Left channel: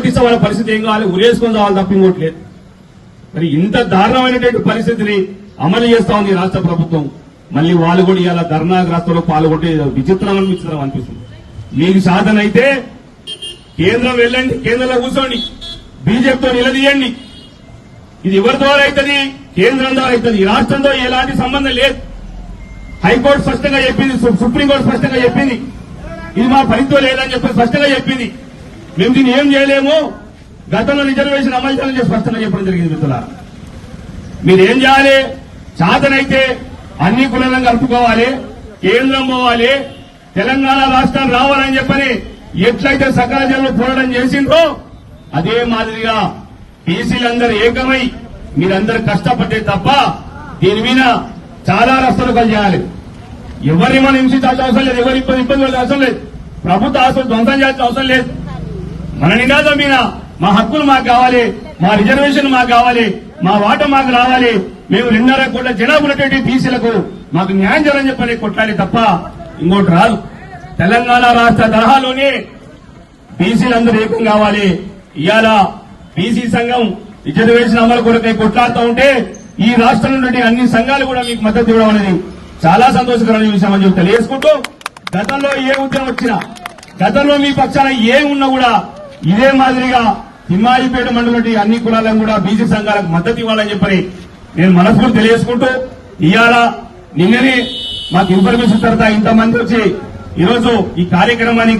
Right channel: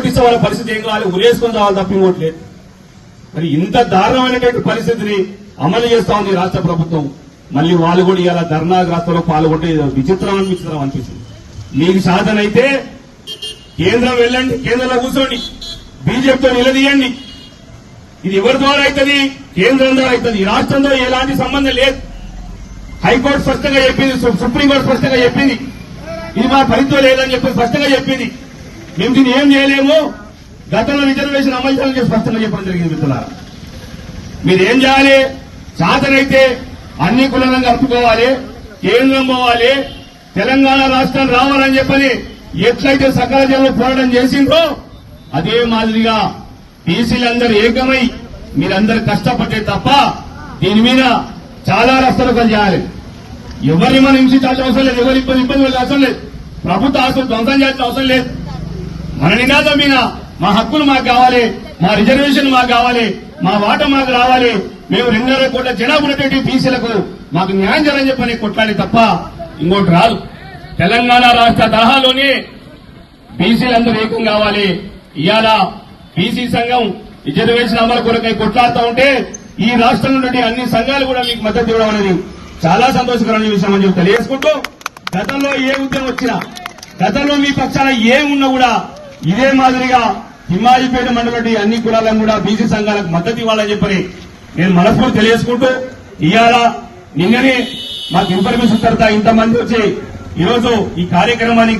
కొట్టిస్తే వాళ్ళ పరిస్థితి ఏం కావాలి? ఉరేసుకుని రావాలి తప్ప లేదు. మరి ఇంత దారుణమైనటువంటి పరిస్థితిని అమలు చేస్తా ఉంది రాష్ట్ర ప్రభుత్వం. మళ్ళీ వాళ్ళు కూడా ఇలా ధర్నా రాష్ట్రంలో పాల్గొంటే విచిత్రం అనిపిస్తున్నాం అనిపిస్తుంది. మీకు సాధన అయితే కేంద్రం వెళ్ళండి కేంద్రంలో కూర్చోండి బీజేపీతో నిలదీయండి. ఇది ఎవరి ద్వారా అవుతుంది? కేంద్రం ద్వారా అవుతుంది. ఈ రాష్ట్రంతో ఎలాంటి సంబంధం లేదు. హైకోర్టు స్పష్టంగా చెప్పింది సుప్రీంకోర్టు స్పష్టంగా చెప్పింది. ఇది మా ఫలితం లేదని చెప్పి స్పష్టంగా చెప్పింది. మేము దీన్ని ఏం చేయలేము? గతంలో రిజర్వేషన్ అమలు చేయాలని స్పష్టంగా చెప్పడం జరిగింది మిత్రులారా. మీరేం చేయాలి? చాతనైతే అన్ని కులాలను కలుపుకోవాలి కేంద్రం పోవాలి తెలంగాణ రాష్ట్రం రావాలని చెప్పని ఎట్లయితే సకల జనులు పోరాటం చేసిండ్రో అదే మాదిరిగా బీసీలందరూ ఏకమై మీరందరూ కష్టపడ్డే తప్ప దీని మీద చాలా రస్తలు చేయాలి ఎవరిని మనం హింసించాల్సిన అవసరం లేదు ఎవరి ఇబ్బంది ఇబ్బంది పడాల్సిన అవసరం లేదు. ప్రభుత్వ ఆస్తులు ధ్వంసం చేయాల్సిన అవసరం లేదు. మన నినాదం మీద మా హక్కులు మాకు కావాలి మా రిజర్వేషన్ మాకు కావాలి మా వాట మాకు రావాలి. మేము రెండున్నర కోట్ల జనాభా ఉన్నటువంటి బీసీలకు మాకు న్యాయం చేయాలని చెప్పని కొట్లాడి తప్ప ఇంకోటి రాదు. తెలంగాణ రాష్ట్ర తరహాలోనే బీసీలందరూ ఏకం కావాలి. ఇవాళ బీసీ సంఘం రిజర్వేషన్ అమలు కొరకై కొట్లాడుతూ ఉంటే ఈ రాష్ట్రం నుండి అన్ని సంఘాలు కూడా మీకు మద్దతు ఇవ్వడం అనేది చాలా సంతోషకరమైన విషయం అని చెప్పి తెలియజేసుకుంటూ గతంలో ఏ ఉద్యమం వచ్చినా గతంలో మీ పక్షాన ఏ ఉన్నా కూడా ఇదే మాదిరిగా తిమ్మాయిపేట మండలంలోని అన్ని కులాలను కూడా బీసీ సంఘాలకు మద్దతు ఇవ్వాలని చెప్పని నేను మనస్ఫూర్తి తెలియజేసుకుంటూ ఇవాళ నిన్ననే మాకు ఇన్ఫర్మేషన్ తర్వాత ఇంతమంది వచ్చి ఈరోజు ఈ కార్యక్రమాన్ని